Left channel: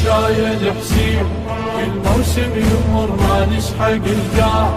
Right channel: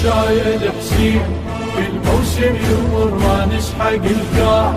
مشايد حسين كل موسم يمر ما نسحق القاع،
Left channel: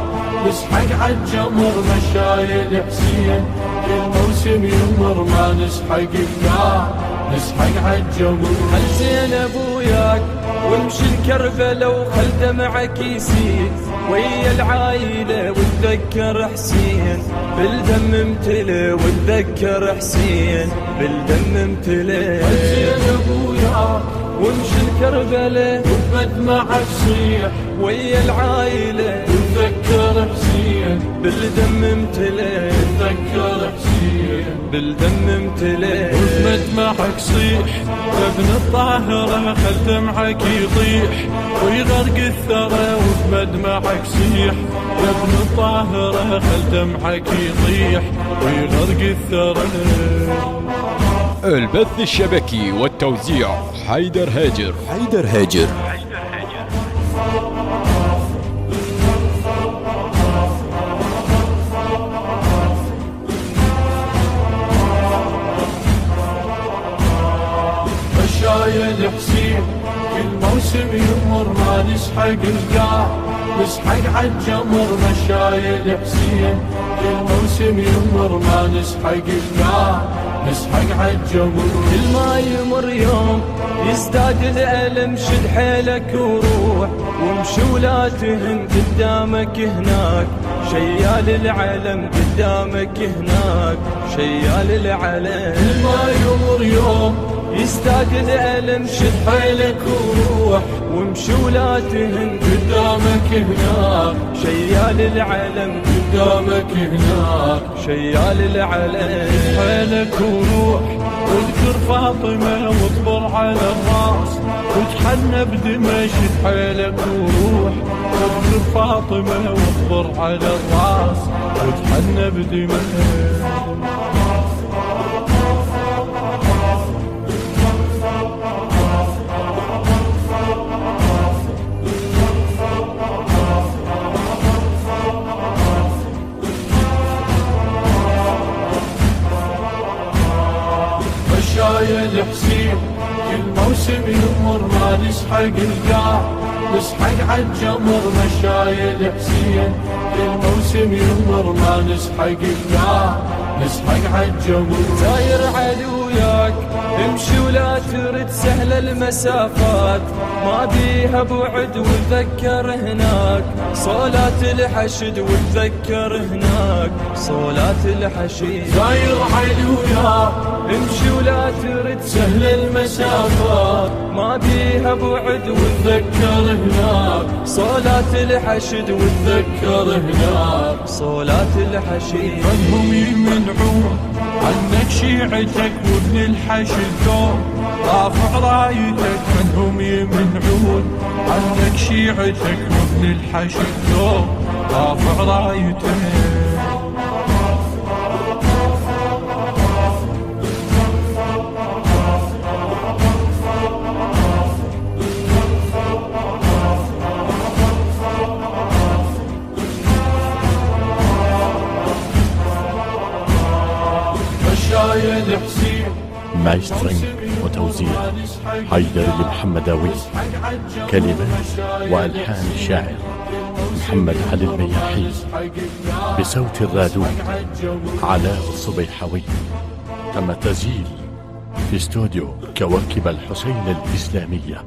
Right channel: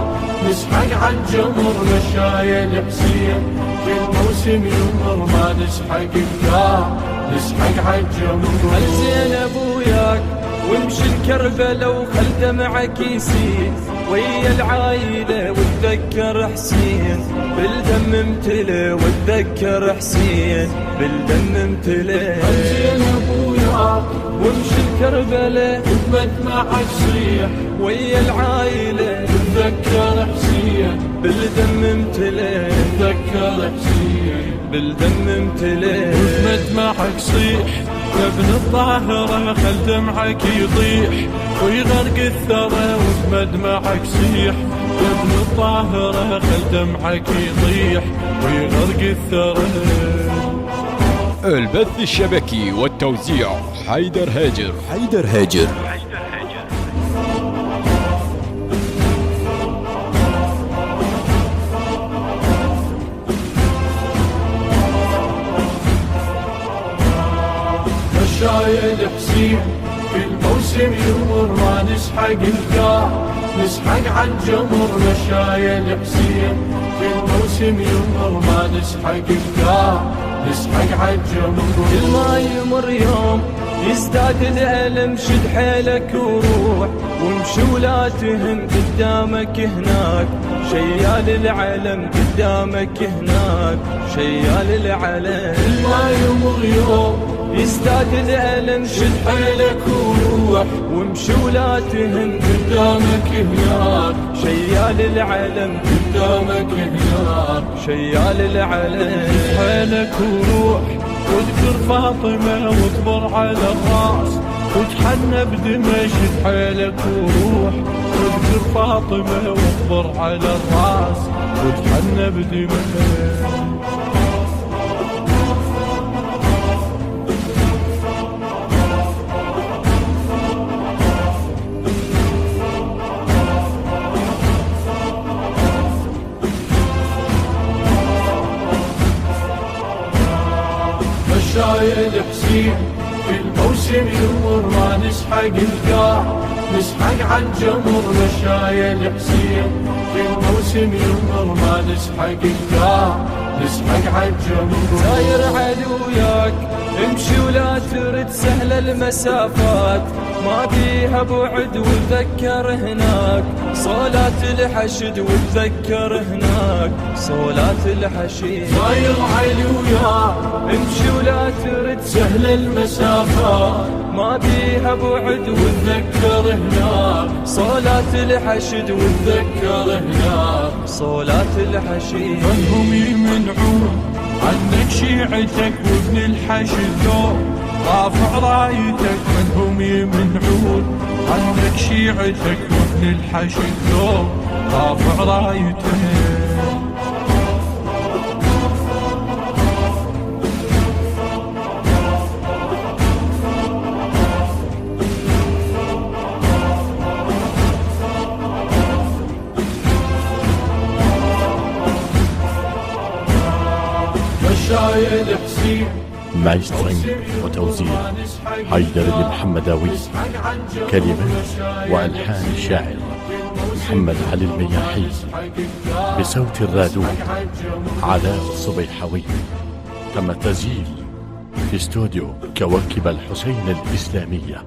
نسحق عالجمر مشايد حسين كل موسم يمر ما نسحق القاع، نسحق عالجمر. هل زينب وياك ونمشي الكربلة وخل دمعك يسيل ويا العايلة وتذكر حسين بالدم امتلي، وتذكر حسين بالدم امتلي. زينب وياك وامشي الكربلة وبدمعك صيح ويا العايلة تذكر حسين بالدم امتلي، تذكر حسين بالدم امتلي. وبمدمعك صيح يا ابن الطاهرة خل دمعك يطيح ويغرق الثرى، وبمدمعك صيح يا ابن الطاهرة خل دمعك يطيح ويغرق الثرى. البث الشبكي والتوزيع حيدر هاجر. مشايد حسين كل موسم يمر ما نسحق القاع، نسحق عالجمر مشايد حسين كل موسم يمر ما نسحق القاع، نسحق عالجمر. كل ما يمر يوم يزداد الألم، شد حيلك وروح وامشي ولا تهم قدامك هناك شيال العلم، قدامك هناك شيال العلم. كل ما يمر يوم يزداد الألم، شد حيلك وروح وامشي ولا تهم قدامك هناك شيال العلم، قدامك هناك شيال العلم. حيلك وروح واذكر فاطمة واصبر على الراس وتحنى بدمشق. حيلك وروح واذكر فاطمة واصبر على الراس وتحنى بدمشق. مشايد حسين كل موسم يمر ما نسحق القاع، نسحق عالجمر مشايد حسين كل موسم يمر ما نسحق القاع، نسحق عالجمر. زاير عدوياك امشي ولا ترد سهل المسافات، ما بيها بعد وتذكر هناك صولات الحشد، وتذكر هناك صولات الحشد. زاير عدوياك امشي ولا ترد سهل المسافات، ما بيها بعد وتذكر هناك صولات الحشد، وتذكر هناك صولات الحشد. فهم يمنعون عنك شيعتك وابن الحشد دوم رافع رايتك، منهم يمنعون عنك شيعتك وابن الحشد دوم رافع رايتك. مشايد حسين مايسترينج وتوزيع حيدر المحمداوي، كلمات وألحان الشاعر محمد علي المياحي، بصوت الرادود علاء الصبيحوي. تم التسجيل في استوديو كواكب الحسين الإسلامية.